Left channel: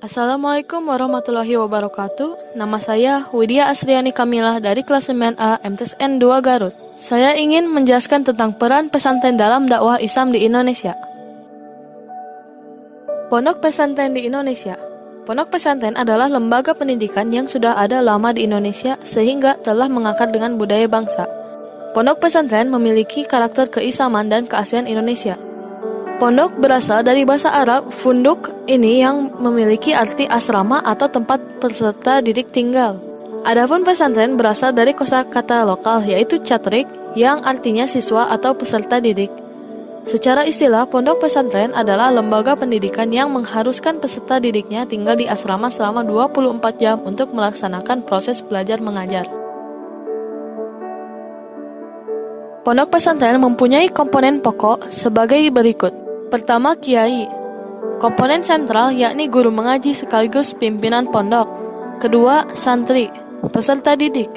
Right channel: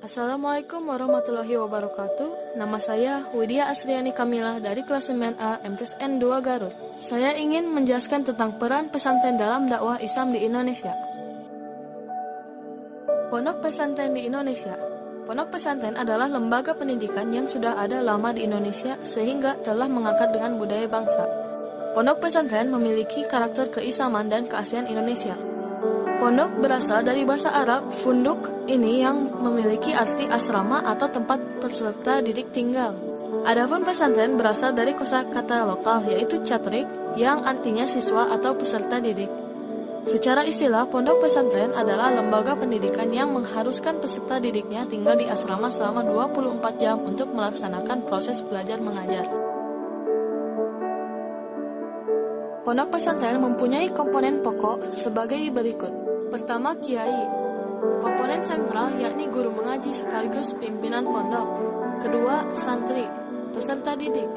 Assalamualaikum warahmatullahi wabarakatuh. Nama saya Widya Asriani Kamilah dari kelas 9A MTSN 2 Garut. Saya ingin menjelaskan tentang peran pesantren dalam dakwah Islam di Indonesia. Pondok pesantren di Indonesia. Pondok pesantren adalah lembaga pendidikan yang sudah ada lama di Indonesia sehingga telah mengakar dengan budaya bangsa. Pondok pesantren memiliki karakter keislaman dan keaslian Indonesia. Pondok berasal dari bahasa Arab funduk ini yang memiliki arti asrama atau tempat peserta didik tinggal. Adapun pesantren berasal dari kosakata lokal yaitu catrik yang artinya siswa atau peserta didik. Secara istilah, pondok pesantren adalah lembaga pendidikan yang mengharuskan peserta didiknya tinggal di asrama selama 24 jam untuk melaksanakan proses belajar mengajar. Pondok pesantren mempunyai komponen pokok sebagai berikut. Pertama, kiai. Komponen sentral yakni guru mengaji sekaligus pimpinan pondok. Kedua, santri, peserta didik.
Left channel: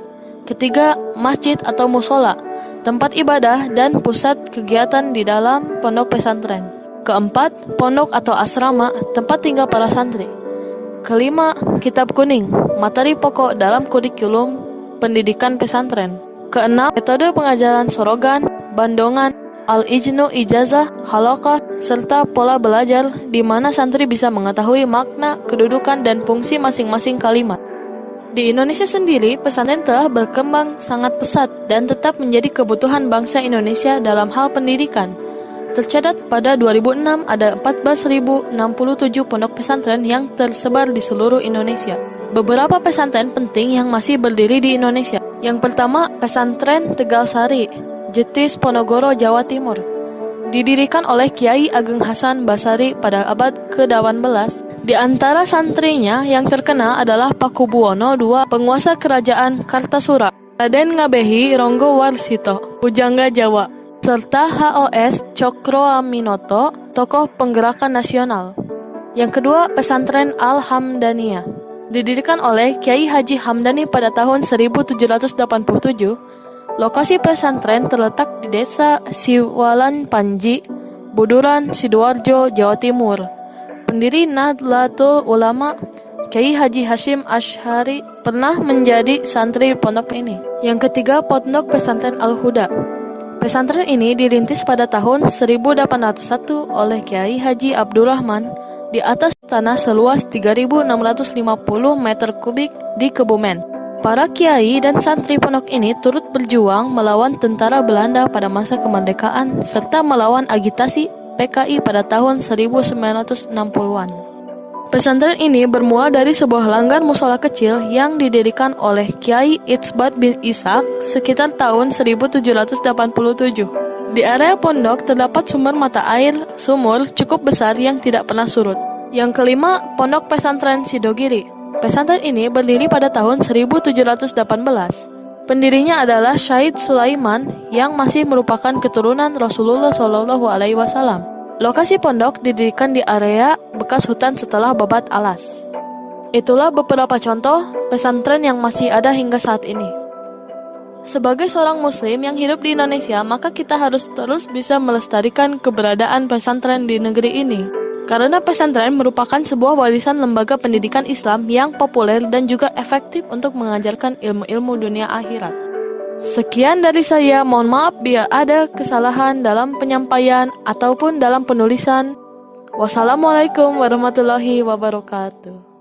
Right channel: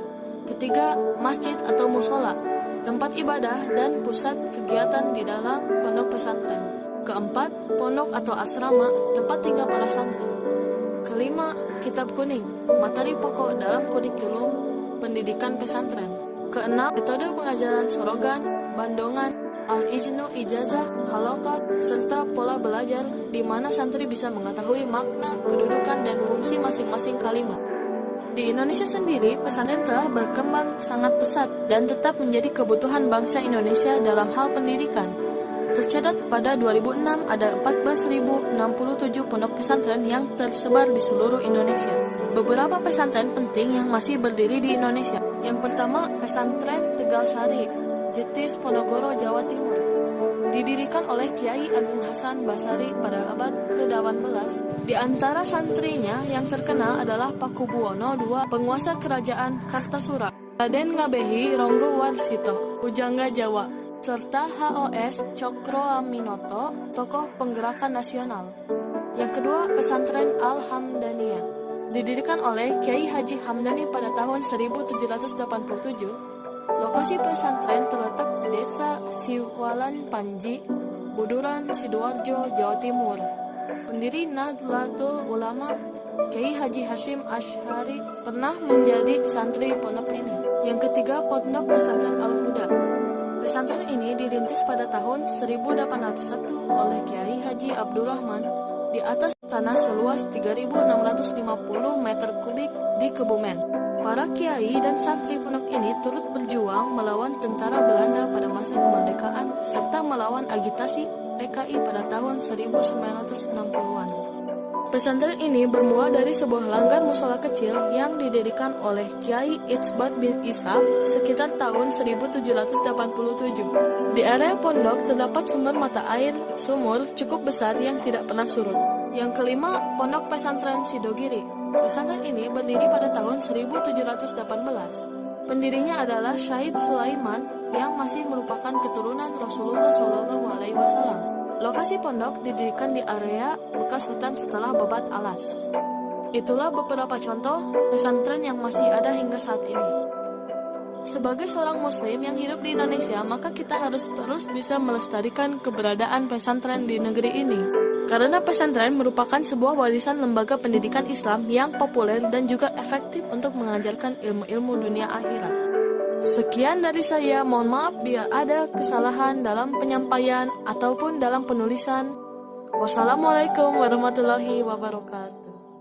Ketiga, masjid atau musola, tempat ibadah dan pusat kegiatan di dalam pondok pesantren. Keempat, pondok atau asrama, tempat tinggal para santri. Kelima, kitab kuning, materi pokok dalam kurikulum pendidikan pesantren. Keenam, metode pengajaran sorogan, bandongan, al-ijnu, ijazah, halaqah, serta pola belajar di mana santri bisa mengetahui makna, kedudukan, dan fungsi masing-masing kalimat. Di Indonesia sendiri, pesantren telah berkembang sangat pesat dan tetap menjadi kebutuhan bangsa Indonesia dalam hal pendidikan. Tercatat pada 2006 ada 14.067 pondok pesantren yang tersebar di seluruh Indonesia. Beberapa pesantren penting yang masih berdiri di Indonesia. Yang pertama, Pesantren Tegal Sari, Jetis, Ponorogo, Jawa Timur. Didirikan oleh Kiai Ageng Hasan Basari pada abad ke-18. Di antara santrinya yang terkenal adalah Pakubuwono II, penguasa kerajaan Kartasura, Raden Ngabehi Ronggo Warsito, Pujangga Jawa, serta HOS Cokroaminoto, tokoh penggerakan nasional. Yang kedua, Pesantren Al-Hamdaniyah. Didirikan oleh Kiai Haji Hamdani pada tahun 1787. Lokasi pesantren terletak di Desa Siwalan Panji, Buduran, Sidoarjo, Jawa Timur. Pendiri Nahdlatul Ulama, Kiai Haji Hashim Asy'ari, pernah menjadi santri pondok ini. Yang ketiga, Pondok Pesantren Al-Huda. Pesantren ini dirintis pada tahun 1801 oleh Kiai Haji Abdurrahman di atas tanah seluas 3.650 meter kubik di Kebumen. Para kiai dan santri pondok ini turut berjuang melawan tentara Belanda pada masa kemerdekaan serta melawan agitasi PKI pada tahun 1960-an. Pesantren ini bermula dari sebuah langgar musola kecil yang didirikan oleh Kiai Itsbat bin Ishaq sekitar tahun 1787. Di area pondok terdapat sumber mata air sumur cukup besar yang tidak pernah surut. Yang kelima, Pondok Pesantren Sidogiri. Pesantren ini berdiri pada tahun 1718. Pendirinya adalah Syahid Sulaiman yang masih merupakan keturunan Rasulullah SAW. Lokasi pondok didirikan di area bekas hutan setelah babat alas. Itulah beberapa contoh pesantren yang masih ada hingga saat ini. Sebagai seorang muslim yang hidup di Indonesia, maka kita harus terus bisa melestarikan keberadaan pesantren di negeri ini. Karena pesantren merupakan sebuah warisan lembaga pendidikan Islam yang populer dan juga efektif untuk mengajarkan ilmu-ilmu dunia akhirat. Sekian dari saya, mohon maaf bila ada kesalahan dalam penyampaian ataupun dalam penulisan. Wassalamualaikum warahmatullahi wabarakatuh.